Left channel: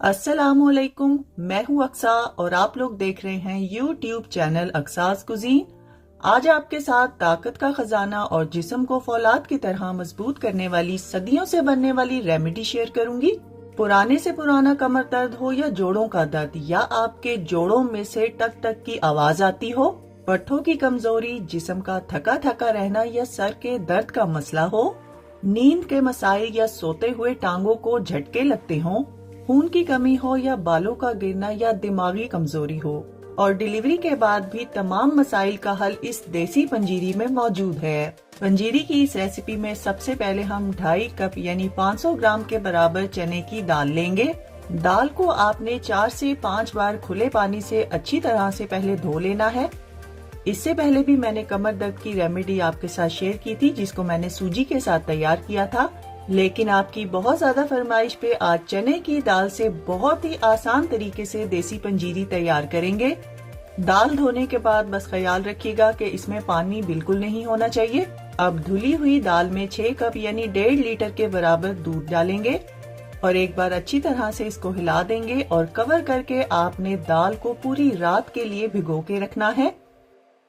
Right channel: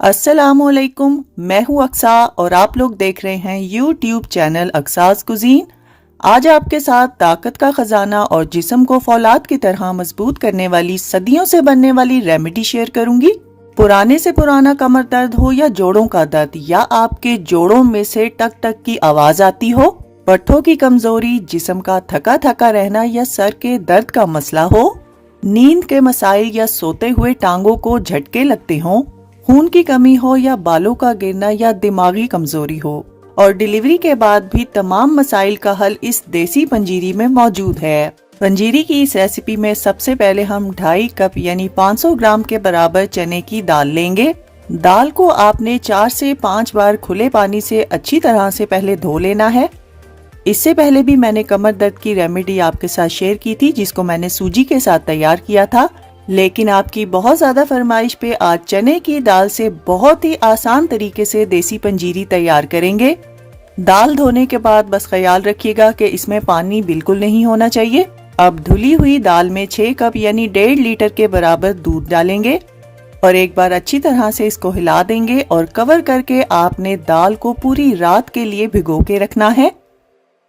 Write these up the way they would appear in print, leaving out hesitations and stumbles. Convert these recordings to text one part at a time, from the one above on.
अस्सलामुअलैकुम, मैं हूँ अक्सा और आप लोग देख रहे हैं यूट्यूब चैनल अक्सास कुजीन। आज आपके साथ ताकत का खजाना और जिस्म को फौलाद की तरह मजबूत करने वाली सदियों से बनने वाली रेमेडी शेयर करूंगी। पुराने से पुराना कमर दर्द हो या जोड़ों का दर्द या आपके जोड़ों में से टक टक की आवाज आती हो, पट्ठों की कमजोरी, जिस्म का थका थका रहना या सर के दर्द का मसला हो, नींद के मसाइल या सोते हुए टांगों को झटके लगते हों, खून की कमी हो या बालों का गिरना या दिमागी कमजोरी हो और डिलीवरी के बाद भी तमाम मसाइल का हल इस देसी पंजीरी में मौजूद है। पंजीरी की इस रेसिपी में सबसे पहले हम 2.5 कप यानी 500 ग्राम के बराबर चने की दाल लेंगे। दाल को आपने 4 से 5 बार खुले पानी से अच्छी तरह से पहले धो लेना है। इससे पहले भी मैंने कमर दर्द की रेमेडी आपके साथ शेयर की थी, जिसको मैंने सूजी के साथ तैयार किया था, लेकिन आपकी बहुत ज्यादा फरमाइश पे आज चने की दाल से बहुत ही आसान तरीके से देसी पंजीरी तैयार करेंगे। दाल धोने के बाद बस ख्याल रखिएगा कि इसमें पानी बिल्कुल नहीं होना चाहिए। अब धुली हुई दाल में 6 कप यानी 1.5 लीटर के बराबर दूध डालेंगे और एक बार अच्छी तरह से इसको हिला देंगे और कवर करके आपने दाल को पूरी रात के लिए भिगो के रखना है।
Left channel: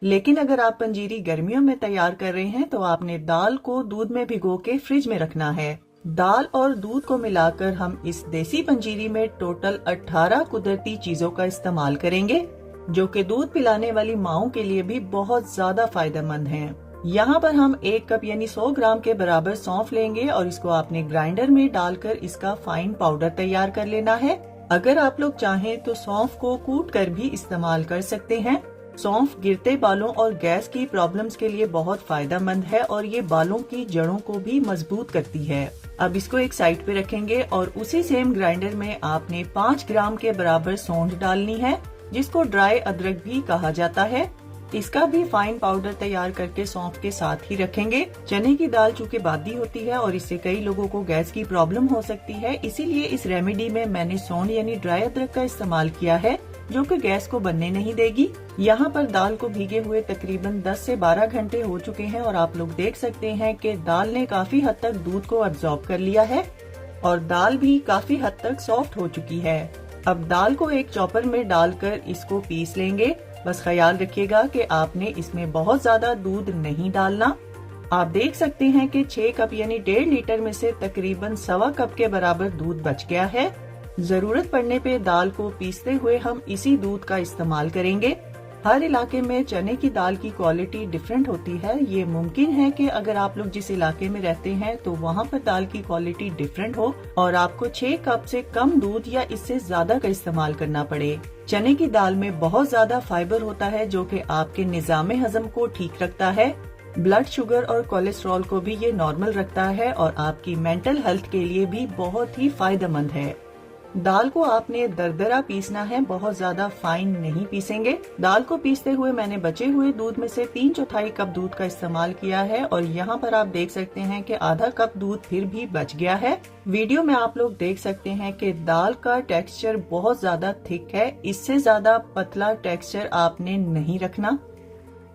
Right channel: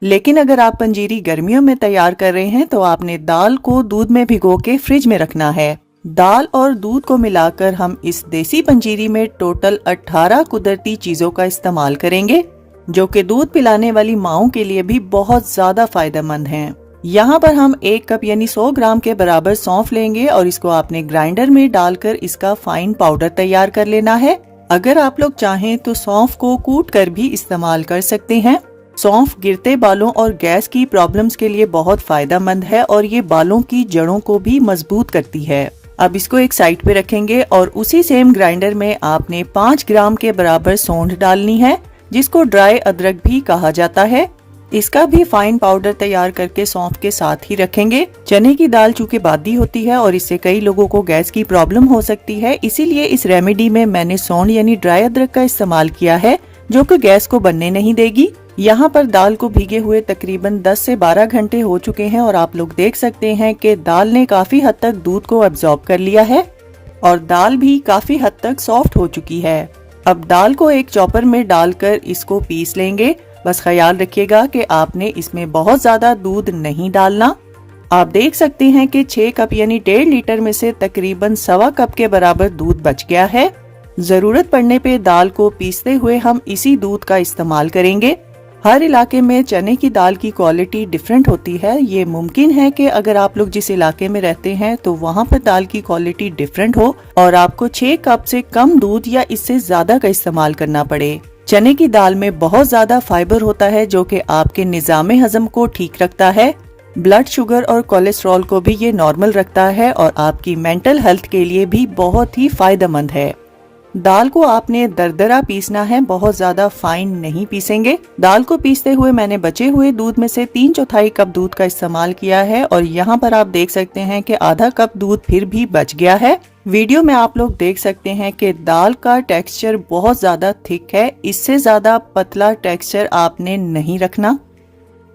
लेकिन अगर आप पंजीरी गर्मियों में तैयार कर रहे हैं तो आपने दाल को दूध में भिगो के फ्रिज में रखना है। दाल और दूध को मिलाकर हम इस देसी पंजीरी में टोटल 18 कुदरती चीजों का इस्तेमाल करेंगे, जो कि दूध पिलाने वाली माओं के लिए भी बहुत ज्यादा फायदेमंद हैं। यहाँ पर हम 1 कप यानी 100 ग्राम के बराबर सौंफ लेंगे और इसको आपने ग्राइंडर में डालकर इसका फाइन पाउडर तैयार कर लेना है। अगर आप लोग चाहें तो सौंफ को कूट कर भी इस्तेमाल कर सकते हैं। सौंफ गिरते बालों और गैस की प्रॉब्लम्स के लिए बहुत फायदेमंद है और ये बालों की जड़ों को भी मजबूत करती है। अब इसको एक साइड पे रखेंगे और उसी सेम ग्राइंडर में आपने 5 ग्राम के बराबर सौंठ डालनी है, जिसको ड्राई अदरक भी कहा जाता है। इसका भी फाइन पाउडर तैयार करके सौंफ के साथ ही रखेंगे। चने की दाल चूँकि बादी होती है और इससे कई लोगों को गैस की प्रॉब्लम हो सकती है, इसीलिए इस रेमेडी में मैंने सौंठ यानी ड्राई अदरक का इस्तेमाल किया है, जो कि गैस को बनने नहीं देगी। यहाँ पर दाल को भीगे हुए तकरीबन 10 से 12 घंटे हो चुके हैं और आप लोग देख सकते हैं कि दाल ने काफी हद तक दूध को एब्जॉर्ब कर लिया है और दाल भी काफी हद तक सॉफ्ट हो चुकी है। अब दाल को एक चॉपर में डालकर इसको पीस लेंगे। बस ख्याल रखिएगा कि आपने इसमें बहुत ज्यादा दूध नहीं डालना। आप देख सकते हैं कि 6 कप यानी 1.5 लीटर में से तकरीबन 1.25 कप के बराबर दूध बच गया है। जरूरत पड़ने पे दाल को पीसते हुए हम इसी दूध का इस्तेमाल करेंगे। हर इलाके में चने की दाल की क्वालिटी डिफरेंट होती है। ये मुमकिन है कि अगर आप लोग जिस इलाके में रहते हैं तो वहाँ पर दाल की क्वालिटी डिफरेंट हो और आपको 6 कप से कम दूध या इससे ज्यादा का इस्तेमाल करना पड़े। चने की दाल में बहुत ज्यादा फाइबर होता है, जो कि आपके निजाम हजम को ठीक रखता है। ब्लड शुगर और कोलेस्ट्रॉल को भी ये नॉर्मल रखता है और आपकी मेंटल हेल्थ के लिए भी बहुत ही फायदेमंद है। दाल को आपने दरदरा पीसना है, बहुत ज्यादा फाइन नहीं पीसेंगे। दाल को पीसते हुए मैंने बचे हुए दूध में से 3/4 कप दूध का इस्तेमाल किया है और यहाँ पर आप देख सकते हैं कि आधा कप दूध फिर भी बच गया है। वीडियो में आप लोग देख सकते हैं कि दाल का टेक्सचर बहुत ज्यादा थिक है, इससे ज्यादा पतला टेक्सचर आपने नहीं रखना।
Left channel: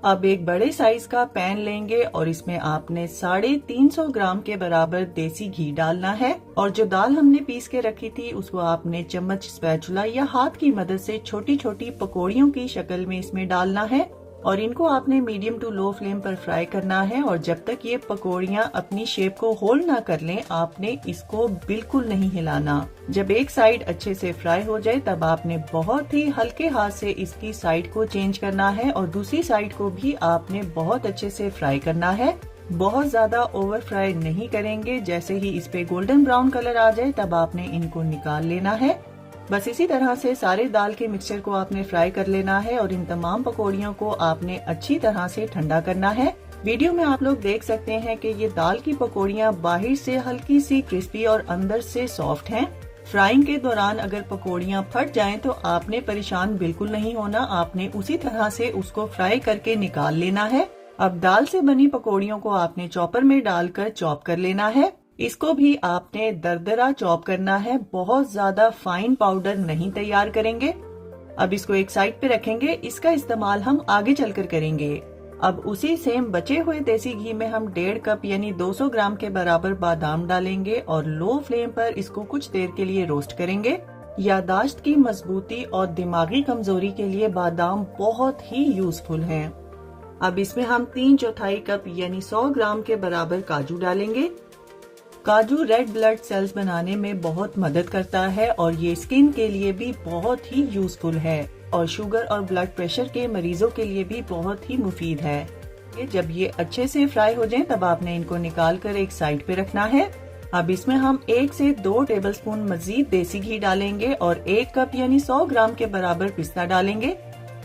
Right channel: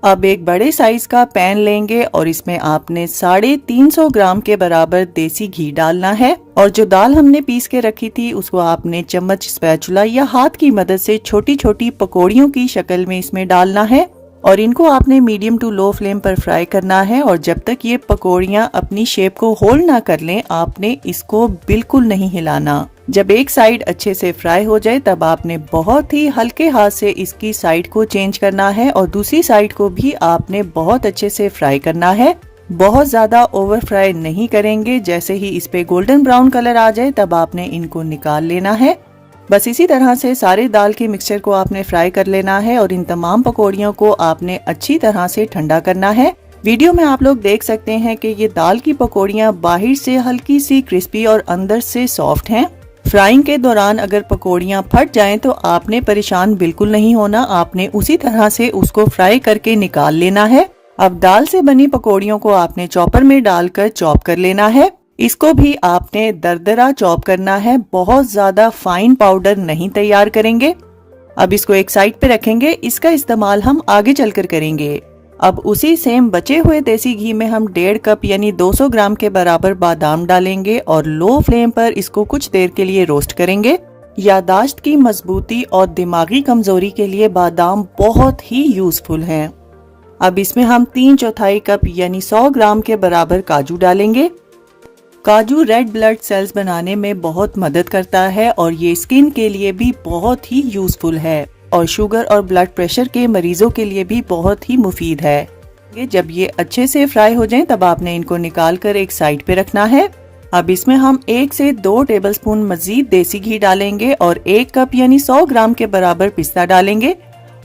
अब एक बड़े साइज का पैन लेंगे और इसमें आपने 350 ग्राम के बराबर देसी घी डालना है और जो दाल हमने पीस के रखी थी उसको आपने चम्मच, स्पैचुला या हाथ की मदद से छोटी छोटी पकौड़ियों की शक्ल में इसमें डालना है और इनको आपने मीडियम टू लो फ्लेम पर फ्राई करना है। और जब तक ये पकौड़ियाँ अपनी शेप को होल्ड ना कर लें, आपने इसको बिल्कुल नहीं हिलाना। जब एक साइड अच्छे से फ्राई हो जाए तब आपने बहुत ही हल्के हाथ से इसकी साइड को चेंज करना है और दूसरी साइड को भी आपने बहुत अच्छे से फ्राई करना है। बहुत ज्यादा ओवर फ्राई नहीं करेंगे। जैसे ही इस पे गोल्डन ब्राउन कलर आ जाए तब आपने इनको निकाल लेना है। बस इसी तरह से सारे दाल के मिक्सचर को आपने फ्राई कर लेना है और इन तमाम पकौड़ियों को आपने अच्छी तरह से ठंडा करना है। वीडियो में आप लोग देख सकते हैं कि ये दाल की पकौड़ियाँ बाहर से हल्की सी क्रिस्पी और अंदर से सॉफ्ट हैं। फ्राइंग के दौरान अगर पकौड़ियाँ फट जाएं तो आपने परेशान बिल्कुल नहीं होना, आपने उसी तरह से उसको फ्राई करके निकाल लेना है। अब दाल से बनी पकौड़ियों को आपने चॉपर में डालकर चॉप कर लेना है। इसको भी आपने दरदरा चॉप करना है, बहुत ज्यादा फाइन पाउडर नहीं तैयार करेंगे। अब इसको एक साइड पे रखेंगे, इसका इस्तेमाल हम आगे चलकर करेंगे। अब उसी सेम बचे हुए देसी घी में हम 1.5 कप यानी 200 ग्राम के बराबर बादाम डालेंगे और लो फ्लेम पर इसको कुछ देर के लिए रोस्ट करेंगे। यादाश्त की मजबूती और दिमागी कमजोरी के लिए बादाम बहुत ही यूजफुल हैं। अब इसमें हम 3/4 कप यानी 100 ग्राम के बराबर काजू डालेंगे। काजू रेड ब्लड सेल्स बनाने में बहुत मदद करता है और ये स्किन के लिए भी बहुत ही यूजफुल है और शुगर और ब्लड प्रेशर के मरीजों के लिए भी बहुत ही मुफीद है। जब ये अच्छे से फ्राई हो जाएं तब आपने इनको निकाल कर एक साइड पे रखना है। अब इसमें हम 1 से 2 टेबलस्पून मजीद देसी घी डालेंगे और 1 कप यानी 100 ग्राम के बराबर पिस्ता डालेंगे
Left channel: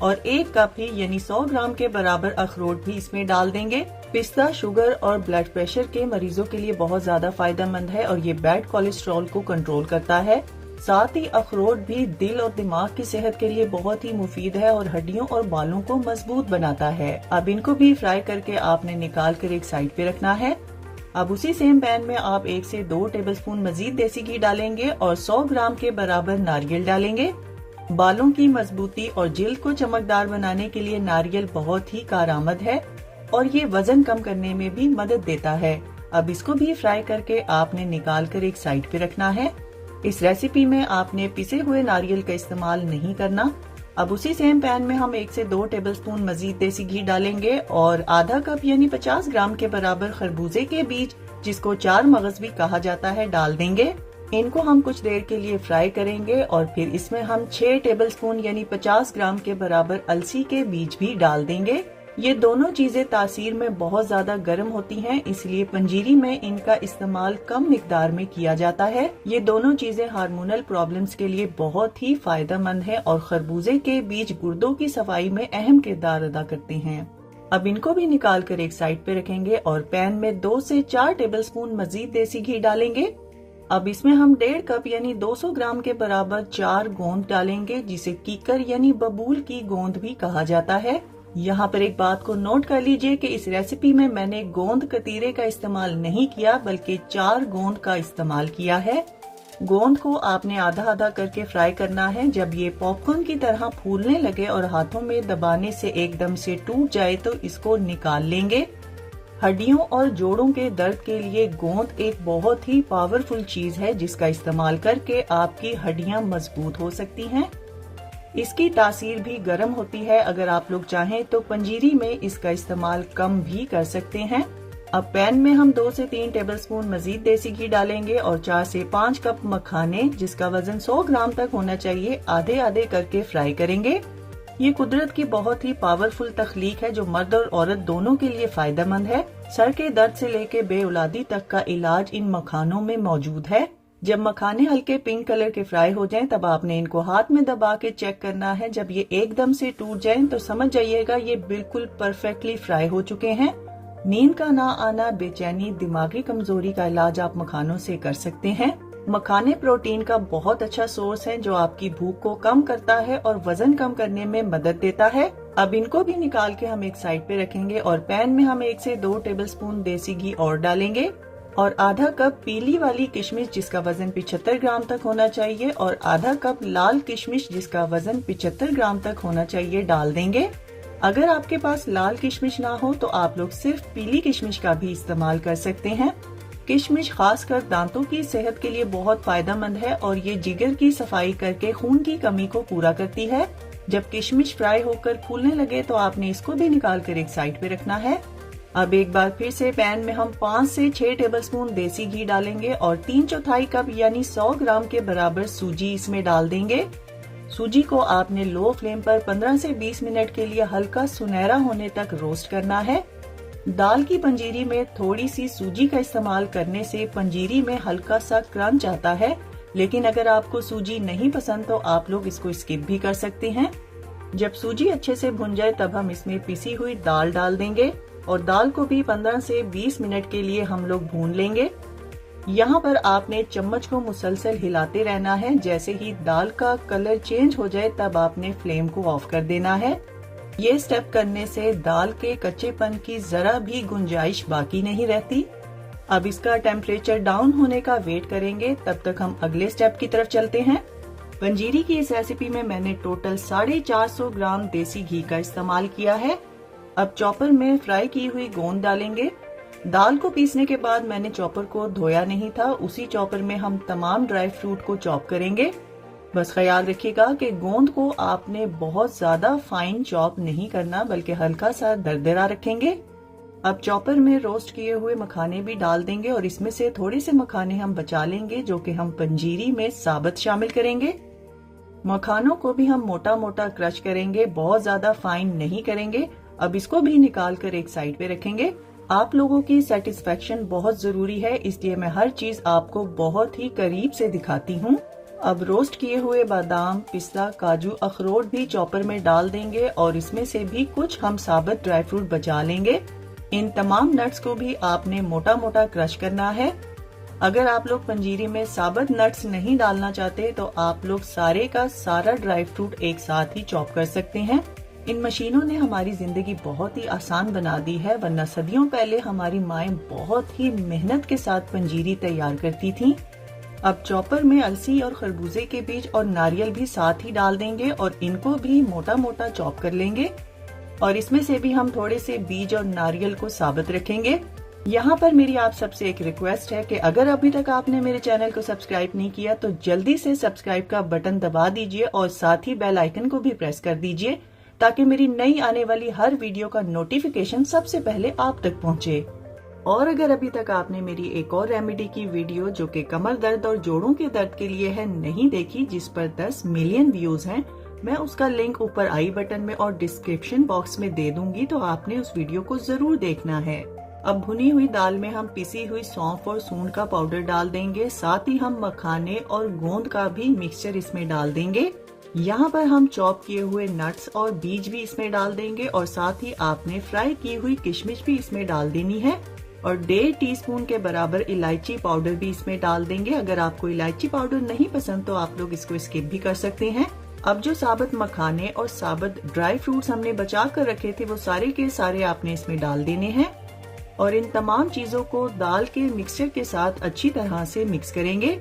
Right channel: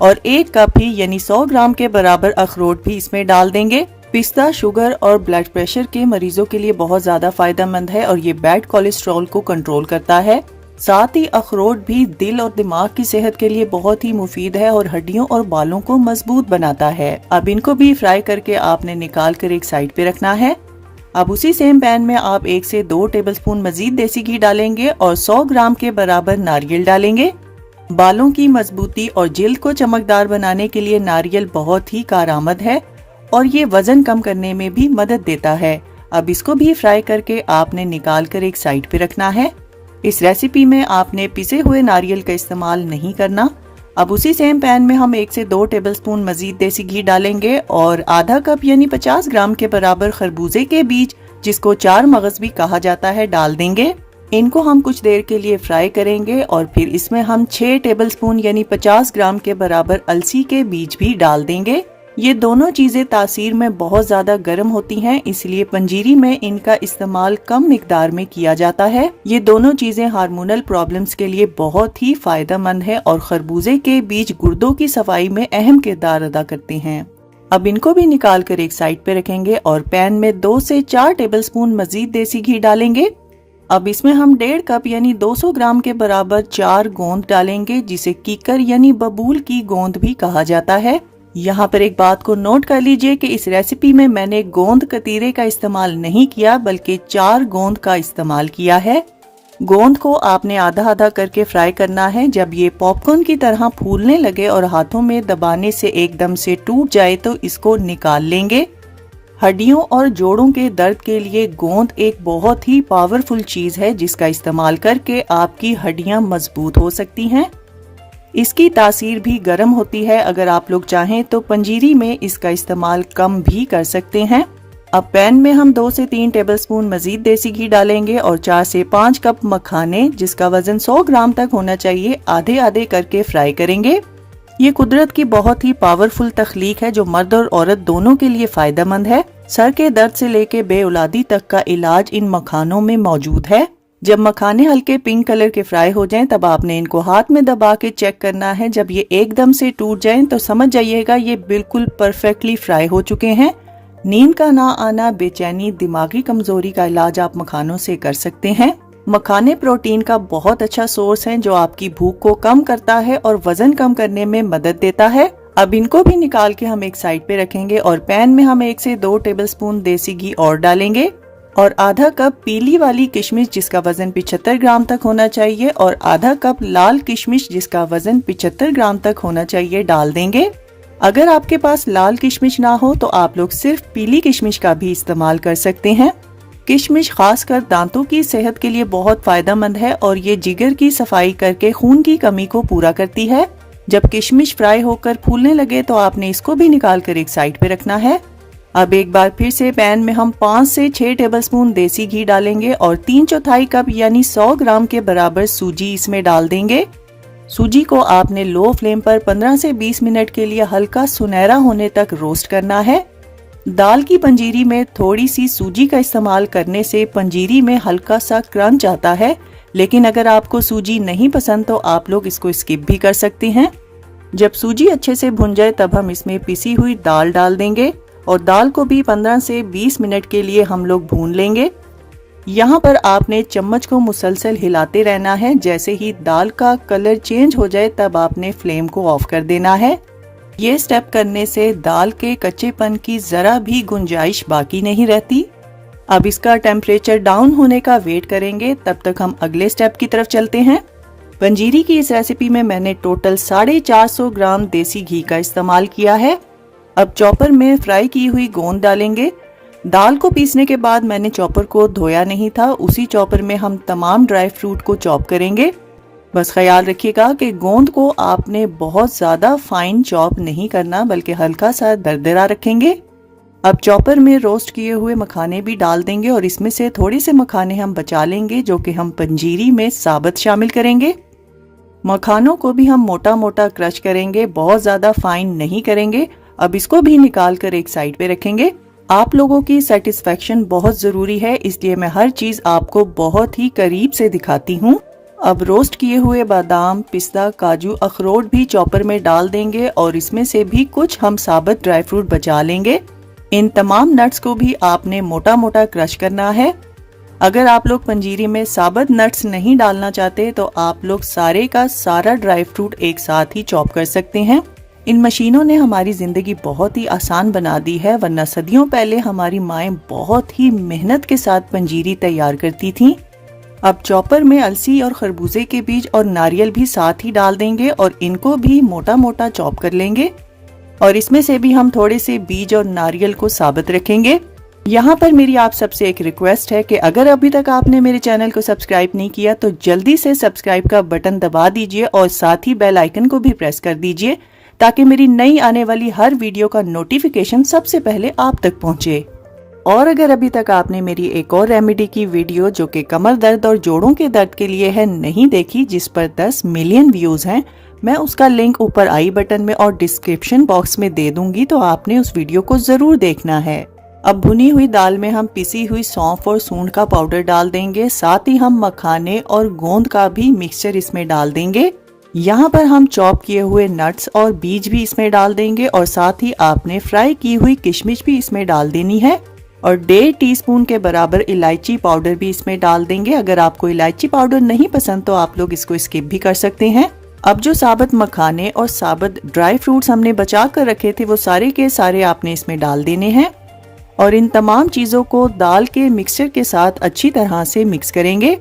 और 1 कप ही यानी 100 ग्राम के बराबर अखरोट भी इसमें डाल देंगे। पिस्ता शुगर और ब्लड प्रेशर के मरीजों के लिए बहुत ज्यादा फायदेमंद है और ये बैड कोलेस्ट्रॉल को कंट्रोल करता है। साथ ही अखरोट भी दिल और दिमाग की सेहत के लिए बहुत ही मुफीद है और हड्डियों और बालों को मजबूत बनाता है। अब इनको भी फ्राई करके आपने निकाल कर एक साइड पे रखना है। अब उसी सेम पैन में आप 1 से 2 टेबलस्पून मजीद देसी घी डालेंगे और 100 ग्राम के बराबर नारियल डालेंगे। बालों की मजबूती और जिल्द को चमकदार बनाने के लिए नारियल बहुत ही कारआमद है और ये वजन कम करने में भी मदद देता है। अब इसको भी फ्राई करके आपने निकाल कर एक साइड पे रखना है। इस रेसिपी में आपने पिसे हुए नारियल का इस्तेमाल नहीं करना। अब उसी सेम पैन में हम 1 से 2 टेबलस्पून मजीद देसी घी डालेंगे और आधा कप यानी 50 ग्राम के बराबर खरबूजे के बीज, जिसको 4 मगज भी कहा जाता है, डाल देंगे। इनको हम कुछ देर के लिए फ्राई करेंगे और फिर इसमें हम 6 टेबलस्पून यानी 50 ग्राम के बराबर अलसी के बीज भी डाल देंगे। ये दोनों चीजें तासीर में बहुत ज्यादा गर्म होती हैं, इसलिए पंजीरी में इनका इस्तेमाल कम मिकदार में किया जाता है। ये दोनों चीजें हार्मोनल प्रॉब्लम्स के लिए बहुत ही फायदेमंद है और खरबूजे के बीज गुर्दों की सफाई में अहम किरदार अदा करते हैं। अब इनको भी निकाल कर एक साइड पे रखेंगे और पैन में 2 से 4 टेबलस्पून मजीद देसी घी डालेंगे। अब इसमें हम 1.5 कप यानी 200 ग्राम के बराबर 4 गोंद डालेंगे, जिसे कीकर यानी बबूल की गोंद भी कहा जाता है। यहाँ पर एक बात को नोट कर लीजिए कि इस रेसिपी में मैंने गोंद कतीरे का इस्तेमाल नहीं किया बल्कि 4 गोंद का इस्तेमाल किया है। गोंद को आपने आधा आधा करके फ्राई करना है। जब ये पॉपकॉर्न की तरह फूलने लगे और हाथों में दबाने से एकदम से टूट जाए तो इसको निकाल लेंगे। हड्डियों और जोड़ों के दर्द के लिए गोंद एक बहुत ही पावरफुल चीज है, जिसका इस्तेमाल करके आपकी हड्डियां मजबूत हो सकती हैं। इसकी तासीर भी गर्म होती है। अगर आप लोग चाहें तो पंजीरी में इसका इस्तेमाल कम भी कर सकते हैं। अब पैन में हम 2 से 3 टेबलस्पून मजीद देसी घी डालेंगे और 4 से 5 कप मखाने, जिसका वजन 100 ग्राम तक होना चाहिए, आधे आधे करके फ्राई करेंगे। ये कुदरत की बहुत ही पावरफुल तख्लीक है जो मर्द और औरत दोनों के लिए फायदेमंद है। सर के दर्द से लेके बेऔलादी तक का इलाज इन मखानों में मौजूद है। जब मखाने हल्के पिंक कलर के फ्राई हो जाएं तब आपने इनको हाथ में दबा के चेक करना है। जब ये एकदम से टूट जाएं तो समझ जाइएगा ये बिल्कुल परफेक्टली फ्राई हो चुके हैं। नींद का ना आना, बेचैनी, दिमागी कमजोरी का इलाज आप मखानों से कर सकते हैं। मखाने प्रोटीन का बहुत अच्छा सोर्स है जो आपकी भूख को कम करता है और वजन कम करने में मदद देता है। अब इनको भी निकाल के हम एक साइड पे रखेंगे और पैन में हम 1 से 2 टेबलस्पून देसी घी और डालेंगे और आधा कप पीली वाली किशमिश, जिसका वजन 75 ग्राम तक होना चाहिए, और आधा कप लाल किशमिश, जिसका वजन 75 ग्राम तक होना चाहिए, डाल देंगे। अगर आपके पास लाल किशमिश ना हो तो आप लोग सिर्फ पीली किशमिश का भी इस्तेमाल कर सकते हैं। किशमिश खासकर दांतों की सेहत के लिए बहुत फायदेमंद है और ये जिगर की सफाई करके खून की कमी को पूरा करती है। जब किशमिश फ्राई होकर फूलने लगे तो आपने इसको भी निकाल कर एक साइड पे रखना है। अब एक बार फिर से पैन में हम 5 से 6 टेबलस्पून देसी घी डालेंगे और 3/4 कप यानी 100 ग्राम के बराबर सूजी इसमें डाल देंगे। सूजी को आपने लो फ्लेम पर 15 से 20 मिनट के लिए हल्का सुनहरा होने तक रोस्ट करना है। दाल की पंजीरी में थोड़ी सी सूजी का इस्तेमाल करने से पंजीरी में हल्का सा क्रंच आता है, लेकिन अगर आपको सूजी नहीं पसंद तो आप लोग इसको स्किप भी कर सकते हैं। जब सूजी अच्छे से भुन जाए तब हम इसमें पिसी हुई दाल डाल देंगे और दाल को भी 15 से 20 मिनट के लिए हम लोग भून लेंगे। यहाँ पर आपने चम्मच को मुसलसल हिलाते रहना है। जैसे ही दाल का कलर चेंज हो जाए तब आपने फ्लेम को ऑफ कर देना है। ये स्टेप करने से दाल के कच्चेपन की जरा भी गुंजाइश बाकी नहीं रहती। अब इसका टेम्परेचर डाउन होने का वेट करेंगे, तब तक हम अगले स्टेप की तरफ चलते हैं। पंजीरी की इस रेसिपी में मैंने टोटल 450 ग्राम देसी घी का इस्तेमाल किया है। अब चॉपर में फ्राई की हुई गोंद डालेंगे। दाल को पीसने के बाद मैंने चॉपर को धोया नहीं था, उसी चॉपर में हम तमाम ड्राई फ्रूट को चॉप करेंगे। बस ख्याल रखिएगा कि गोंद को आपने बहुत ज़्यादा फाइन चॉप नहीं करना, बल्कि हल्का सा दरदरा रखेंगे। अब चॉपर में रोस्ट किए हुए मखाने भी डाल देंगे और इसमें से थोड़े से मखाने हम बचा लेंगे जो कि हम पंजीरी में साबुत शामिल करेंगे। मखानों को भी हम मोटा मोटा क्रश करेंगे, बहुत ज़्यादा फाइन नहीं करेंगे। अब इसको भी निकाल कर एक साइड पे रखेंगे। आप लोगों की सेटिस्फेक्शन बहुत ज़रूरी है, इसलिए मैं हर चीज़ आपको बहुत ही करीब से दिखाती हूँ। अब रोस्ट किए हुए बादाम, पिस्ता, काजू, अखरोट भी चॉपर में डाल देंगे और इसमें से भी कुछ हम साबुत ड्राई फ्रूट बचा लेंगे। इन तमाम नट्स को भी आपने मोटा मोटा क्रश करना है। अगर आप लोग पंजीरी में साबुत नट्स नहीं डालना चाहते तो आप लोग सारे का सारा ड्राई फ्रूट एक साथ ही चॉप कर सकते हैं। इन मशीनों ने हमारी जिंदगी बहुत ही आसान बना दी है, वरना सदियों पहले हमारी माएं बहुत ही मेहनत के साथ पंजीरी तैयार करती थीं। अब चॉपर में अलसी और खरबूजे के बीज और नारियल भी साथ ही डाल देंगे और इनको भी मोटा मोटा चॉप कर लेंगे और इसमें से भी हम थोड़े से बीज और नारियल को साबुत रखेंगे। यहाँ पर मेरी आप सबसे एक रिक्वेस्ट है कि अगर अभी तक आपने मेरे चैनल को सब्सक्राइब नहीं किया तो जल्दी से सब्सक्राइब का बटन दबा दीजिए और साथ ही बेल आइकन को भी प्रेस कर दीजिए ताकि मेरी नई आने वाली हर वीडियो का नोटिफिकेशन सबसे पहले आप तक पहुँचे। और अगर अभी तक आपने मेरी एक और रेमेडी की वीडियो जो कि कमर दर्द और जोड़ों के दर्द के लिए है नहीं देखी, जिस पर 10 मिलियन व्यूज हैं, मैं उसका लिंक ऊपर आई बटन में और डिस्क्रिप्शन बॉक्स में दे दूंगी, तो आपने उस वीडियो को जरूर देखना है। अब भुनी हुई दाल में हम पिसी हुई सौंफ और सूंड का पाउडर डाल देंगे, साथ ही हम मखाने और गोंद का भी मिक्सचर इसमें डाल देंगे। यहाँ पर हम चॉप किए हुए नट्स और बीज भी इसमें डाल देंगे और साथ ही आपने फ्राई की हुई किशमिश भी इसमें डाल देनी है और 1.5 टीस्पून के बराबर इलायची पाउडर भी इसमें डाल देंगे। अगर आपको इलायची पाउडर नहीं पसंद तो आप लोग इसको स्किप भी कर सकते हैं। अब जो साबुत मखाने और साबुत ड्राई फ्रूट्स हमने बचा कर रखे थे वो सारे के सारे आपने इसमें डाल देने हैं और इन तमाम चीजों को दाल के मिक्सचर के साथ अच्छी तरह से मिक्स करेंगे।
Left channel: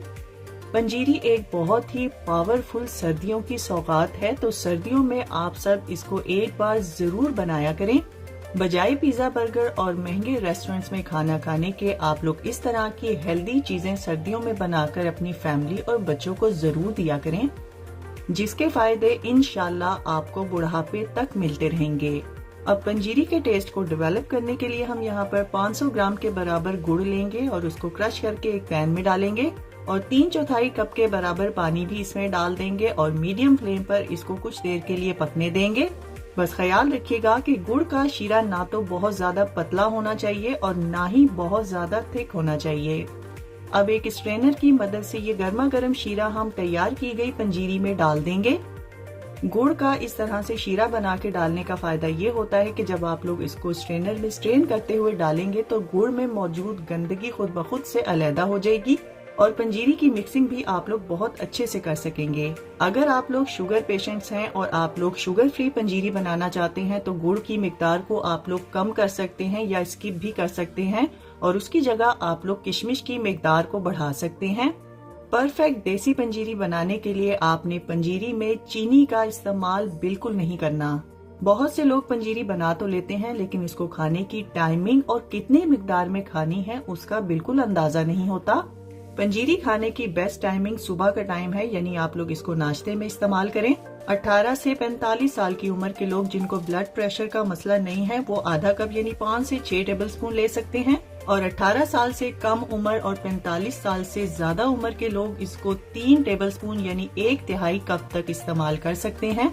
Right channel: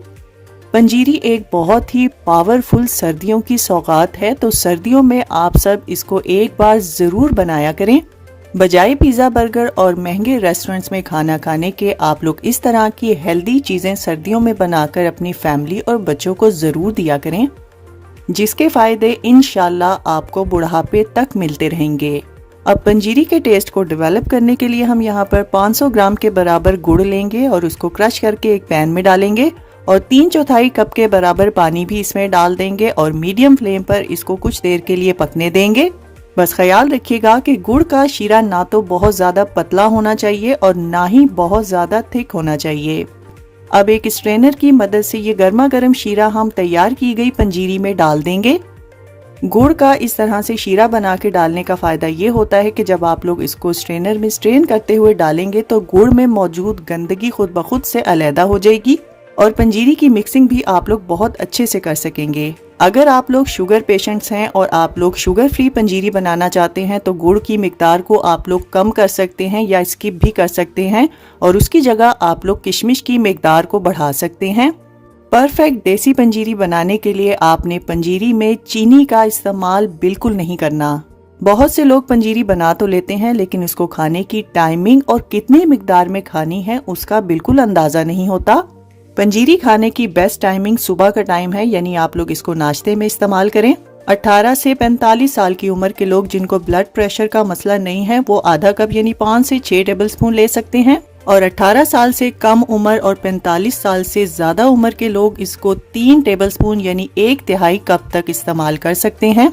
पंजीरी एक बहुत ही पावरफुल सर्दियों की सौगात है, तो सर्दियों में आप सब इसको एक बार जरूर बनाया करें। बजाय पिज्जा, बर्गर और महंगे रेस्टोरेंट्स में खाना खाने के आप लोग इस तरह की हेल्दी चीजें सर्दियों में बनाकर अपनी फैमिली और बच्चों को जरूर दिया करें, जिसके फायदे इंशाल्लाह आपको बुढ़ापे तक मिलते रहेंगे। अब पंजीरी के टेस्ट को डेवलप करने के लिए हम यहाँ पर 500 ग्राम के बराबर गुड़ लेंगे और उसको क्रश करके एक पैन में डालेंगे और 3/4 कप के बराबर पानी भी इसमें डाल देंगे और मीडियम फ्लेम पर इसको कुछ देर के लिए पकने देंगे। बस ख्याल रखिएगा कि गुड़ का शीरा ना तो बहुत ज्यादा पतला होना चाहिए और ना ही बहुत ज्यादा थिक होना चाहिए। अब एक स्ट्रेनर की मदद से ये गर्मा गर्म शीरा हम तैयार की गई पंजीरी में डाल देंगे। गुड़ का इस तरह से शीरा बना के डालने का फायदा ये होता है कि जब आप लोग इसको स्ट्रेनर में स्ट्रेन करते हुए डालेंगे तो गुड़ में मौजूद गंदगी खुद ब खुद से अलहदा हो जाएगी और पंजीरी की मिक्सिंग भी आप लोग बहुत अच्छे से कर सकेंगे। अगर आप लोग शुगर पेशेंट्स हैं और आप लोग शुगर फ्री पंजीरी बनाना चाहते हैं तो गुड़ की मिकदार को आप लोग कम कर सकते हैं या स्किप भी कर सकते हैं और उसकी जगह आप लोग किशमिश की मिकदार को बढ़ा सकते हैं। परफेक्ट देसी पंजीरी बनाने के लिए आपने पंजीरी में चीनी का इस्तेमाल बिल्कुल नहीं करना। बहुत से लोग पंजीरी बना तो लेते हैं लेकिन इसको खाने की टाइमिंग और कितनी मिकदार में खानी है उसका बिल्कुल अंदाजा नहीं होता। पंजीरी खाने की बेस्ट टाइमिंग सुबह का टाइम है, यानी आप लोग इसको नाश्ते में इस्तेमाल करें। 18 से 45 साल की उम्र के लोग जिनको ब्लड प्रेशर का मसला नहीं है वो आधा कप यानी 5 से 6 टेबल स्पून ले सकते हैं और 18 साल से कम उम्र और 45 साल से ज्यादा उम्र के लोग इसको 3 टेबल स्पून यानी 1/3 कप तक इस्तेमाल कर सकते हैं।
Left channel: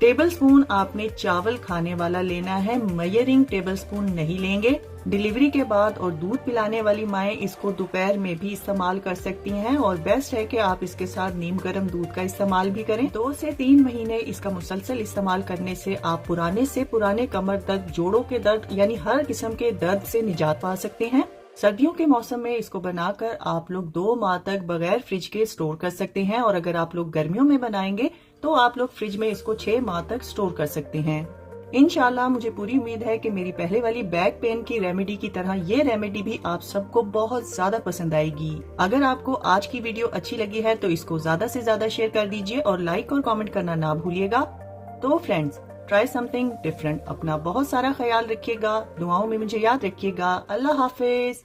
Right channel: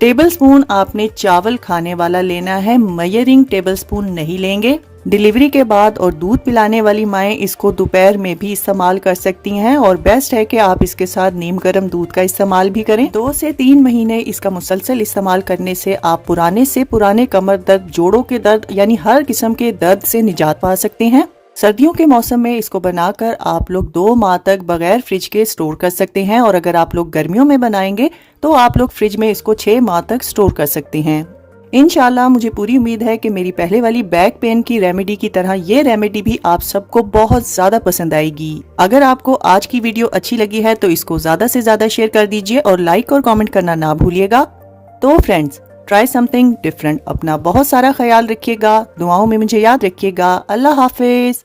टेबल स्पून आपने चावल खाने वाला लेना है, मेजरिंग टेबल स्पून नहीं लेंगे। डिलीवरी के बाद और दूध पिलाने वाली माएँ इसको दोपहर में भी इस्तेमाल कर सकती हैं और बेस्ट है कि आप इसके साथ नीम गर्म दूध का इस्तेमाल भी करें। 2 से 3 महीने इसका मुसलसल इस्तेमाल करने से आप पुराने से पुराने कमर दर्द, जोड़ों के दर्द यानी हर किस्म के दर्द से निजात पा सकते हैं। सर्दियों के मौसम में इसको बनाकर आप लोग 2 माह तक बगैर फ्रिज के स्टोर कर सकते हैं और अगर आप लोग गर्मियों में बनाएंगे तो आप लोग फ्रिज में इसको 6 माह तक स्टोर कर सकते हैं। इंशाल्लाह मुझे पूरी उम्मीद है कि मेरी पहले वाली बैक पेन की रेमेडी की तरह ये रेमेडी भी आप सबको बहुत ज्यादा पसंद आएगी। अगर आपको आज की वीडियो अच्छी लगी है तो इसको ज्यादा से ज्यादा शेयर कर दीजिए और लाइक और कमेंट करना ना भूलिएगा। तो फ्रेंड्स, ट्राई समथिंग डिफरेंट। अपना बहुत सारा ख्याल रखिएगा, दुआओं में मुझे याद रखिएगा। अल्लाह हाफिज।